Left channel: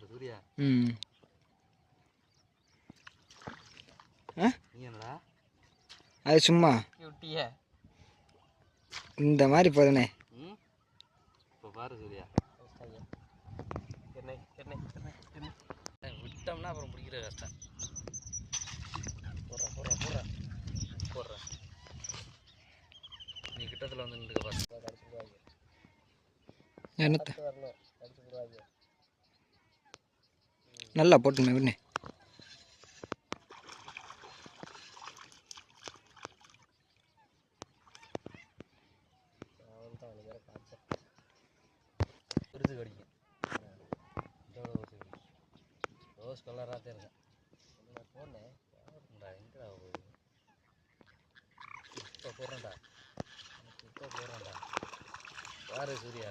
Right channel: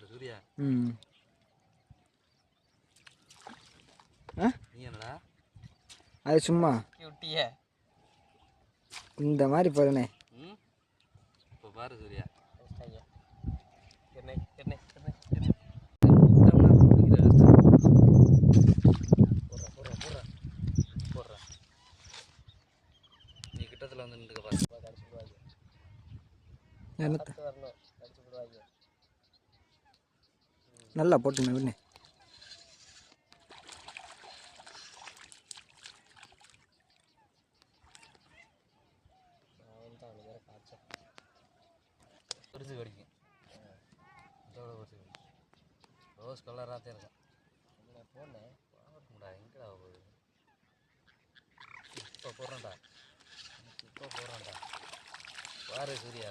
சூர்யா. ம். ஆ? நீ என்னடா? அது சும்மா. கியூட்டியே இந்த மாதிரி போதுனே. இப்போ பாரு சூர்யா. என்ன நல்லா போட்டுங்க விண்ணே அவன் தான் அவனுக்கு வேற காய்ச்சல் ரோஸ் கலராக தான் இருக்கேன் நான் போனேன் பாருங்கடா எங்கடா போகுது? இப்போ போடுறேன்டா. இப்போ போடுறேன்டா. பாரு சூர்யா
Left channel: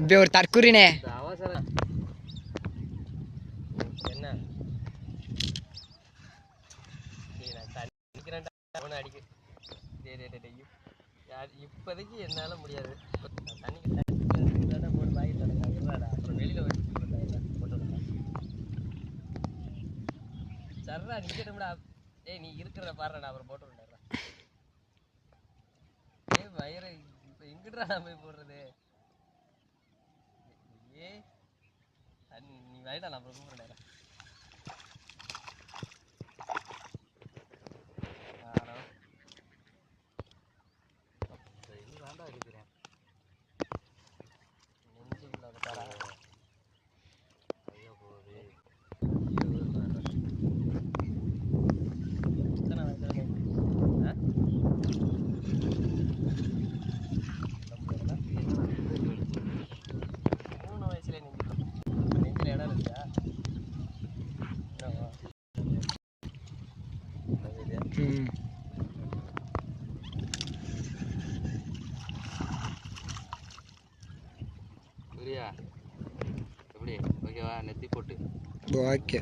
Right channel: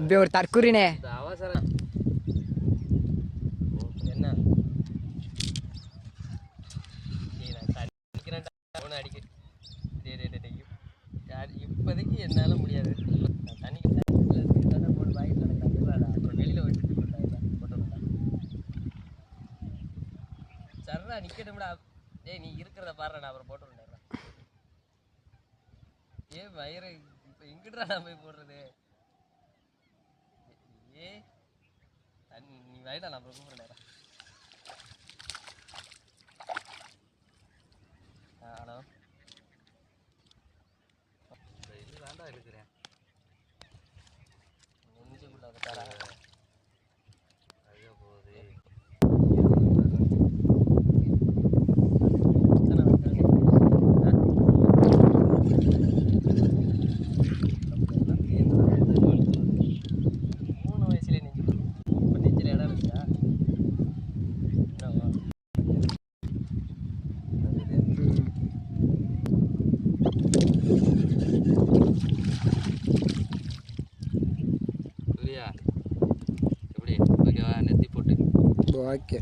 இப்படி ஒரு அப்புறம் வெளியில் வச்சு போட்டுருந்தா சர்ரா நிற்கட்டும்டா ஏய் நீ இருக்கிறத பாருடா அப்புறம் போட்டு ஏய் வயிறு இப்போ எங்கிட்டா நான் போய் போடுறது? தண்ணி நீ வயடா நான் அப்புறம் கூப்பிடுறேன் ஓகே.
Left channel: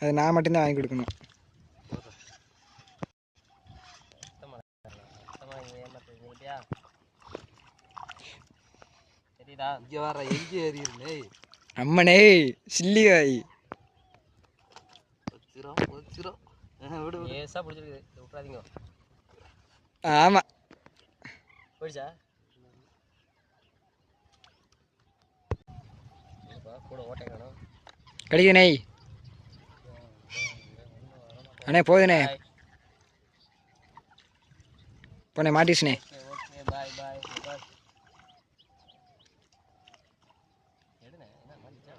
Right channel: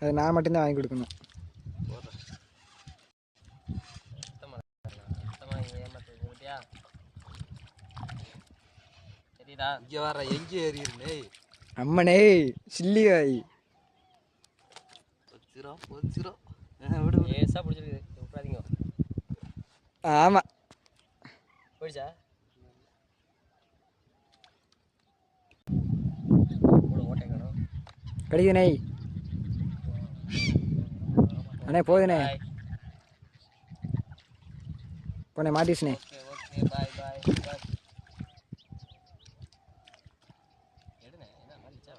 அது நான் மட்டும்தான் வாங்கி கொடுக்கணும். போடுறேன் சுத்தமா இருக்கலாம். சுத்தமா இங்க கிடைக்குதுண்ணே அண்ணே போதுண்ணே. போனே மாட்டிச்சுனே ஓகே ஓகே பாய் பாய் பாய் எடுண்ணே என்ன மாட்டிச்சா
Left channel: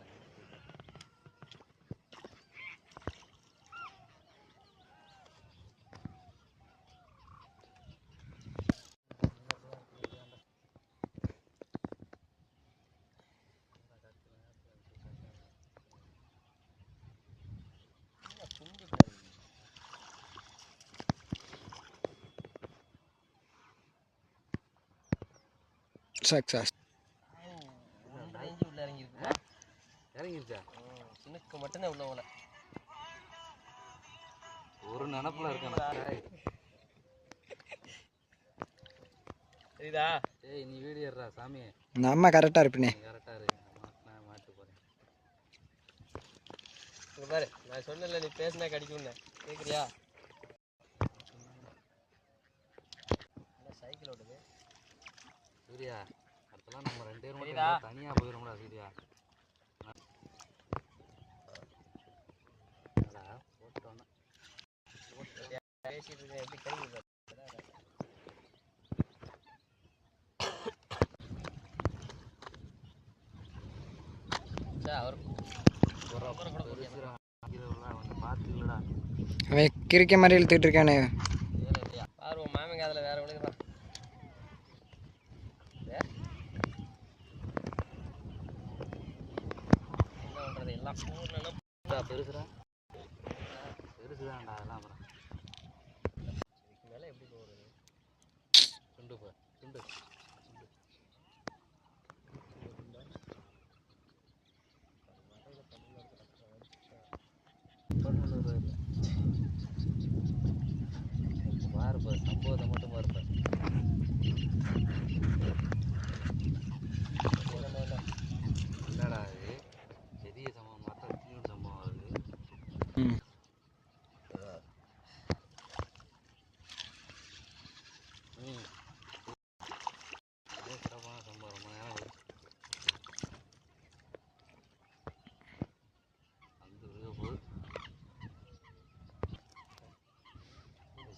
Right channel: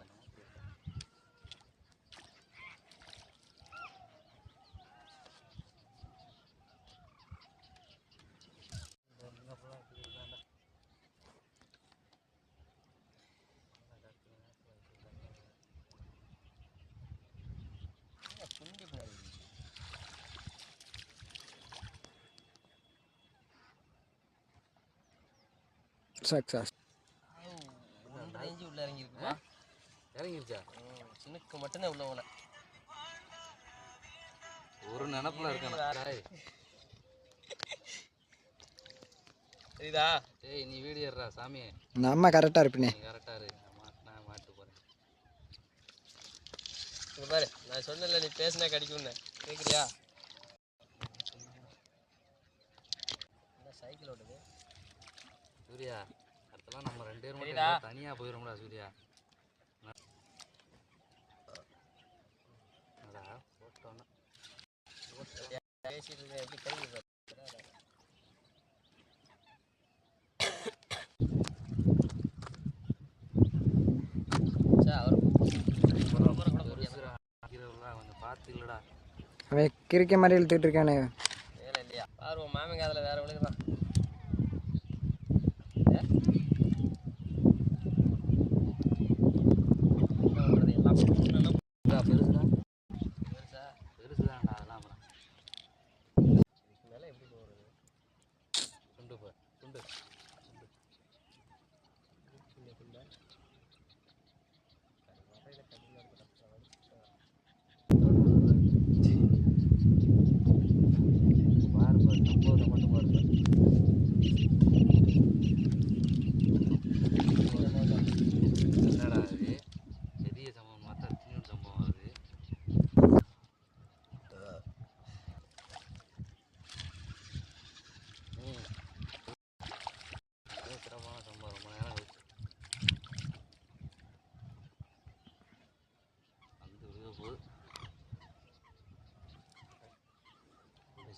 துண்டு பின்னாடி சக்ஸஸ் ஒன்றரை இன்ச்சு உள்ள இறங்கியிருக்குமா இறங்கிருச்சா சின்னக்கு மட்டும்தான் உள்ள போல ஒரு நினப்புல இருக்கேன் சரிதா ஏய் நீ வீடியோ எடுறா சாமி நம்ம கரெக்டாக இருப்பினே. கரெக்டாக இரு நான் மாட்டினா மாட்டு போகிறேன் இங்க பாரு நான் சொன்னல நீ பேசினா கடிக்கும்னு கேட்குறியா என்ன சைக்கிள் ஓடுது சூர்யா அடுத்தலாம் நம்ம ரெண்டு பேரும். மட்டும் தனியாக போயிடும்டா சூர்யா. பேசிட்டு எப்படி கழுவி அவன் கிறுக்க மாதிரி இழுத்துக்கிட்டு இருக்கானே.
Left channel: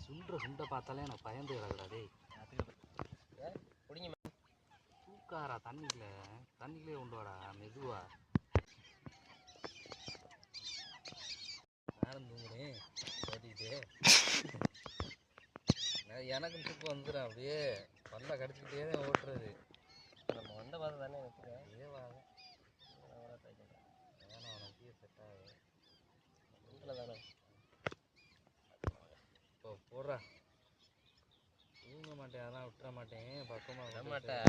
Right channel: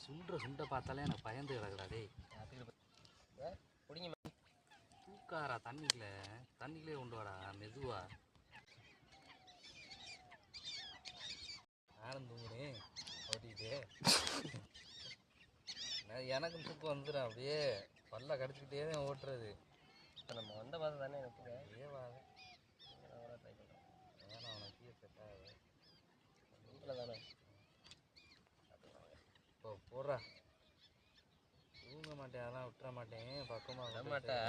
சுண்டுற சுண்டை பார்த்தாலே எனக்கு பயந்து கிடக்குடா டேய். பிடிங்க தூக்காரா தண்ணிக்குள்ள? தண்ணிக்குள்ளே கொண்டு வாடா மெதுவா. நானும் தூங்குறேன் கட்டிக்கிட்டு. எனக்கும் தூக்கம் வந்துடும் அப்படியே பல்ல கடிச்சிக்கிட்டே தான் ஓட்டுறது. நம்ம வந்த பார்த்து தானே வச்சுருக்கேன் ஏவாக ட்ரை பண்ணுறேன் வேணாம் அவனுக்கு செட் ஆகுது. வீட்டில் தானே இப்போ போடுறா தூங்க மாட்டேன் அதெல்லாம் விட்டுற மாட்டேன் பக்கமாக வர மாட்டேன்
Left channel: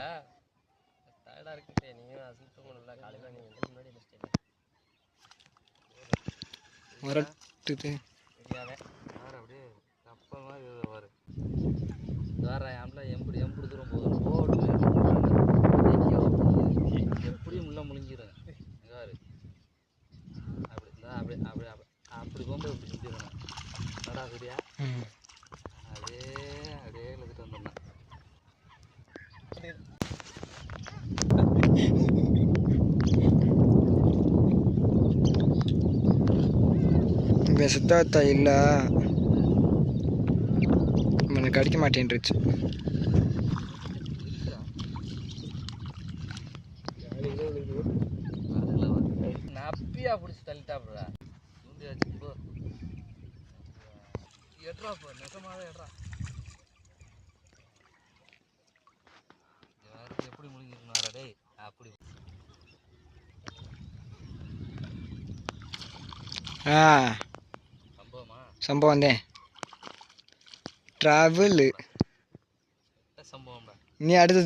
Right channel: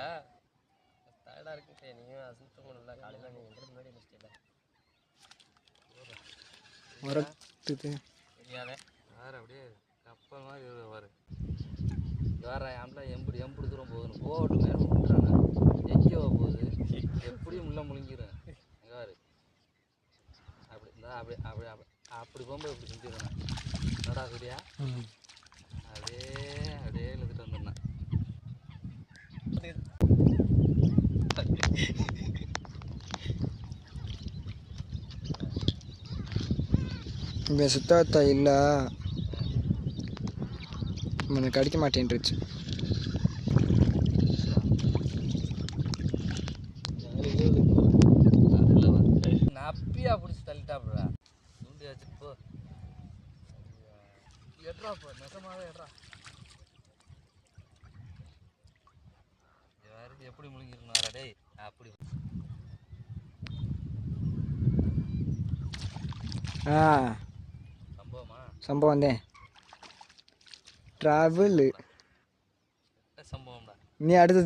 டயர்டாக இருக்குட்டே நீயும் அசித்து போகணும்ல காலையில் நீ எங்களுக்கு முன்னாடி முடிச்சிட்டேன் முரட்டுது தெரியாதே வேற அப்படியே கப்பல் மாதிரி இருக்கு பாரு வேற யாருல எம்புடி எம்புடி தூரம் எங்கேயோ போகுது எப்படியும் உள்ள முழுங்கிடும் அங்க பாரு அப்படி அப்படி அப்படி அப்படி அப்படி போகும்போது இப்படி செஞ்சிடணும் நடா சரியா ம் அப்படியே அப்படியே இழுத்துட்டு வந்துடணும் இங்கே சுத்தத்தா இல்லை? உனக்கு கடிக்க மாட்டேன்ருச்சு நப்பியா பிடிச்சி தள்ளிட்டாப்புடா. தூண்டி வச்சு போ. எட்ரா போ நெசமாவே எட்ரா எப்படி முழுங்கிருந்தாரா டேய்? அப்படி. ஆ. സംഭവം അല്ലേ? ട്രാവൽ ഇനി അടുത്ത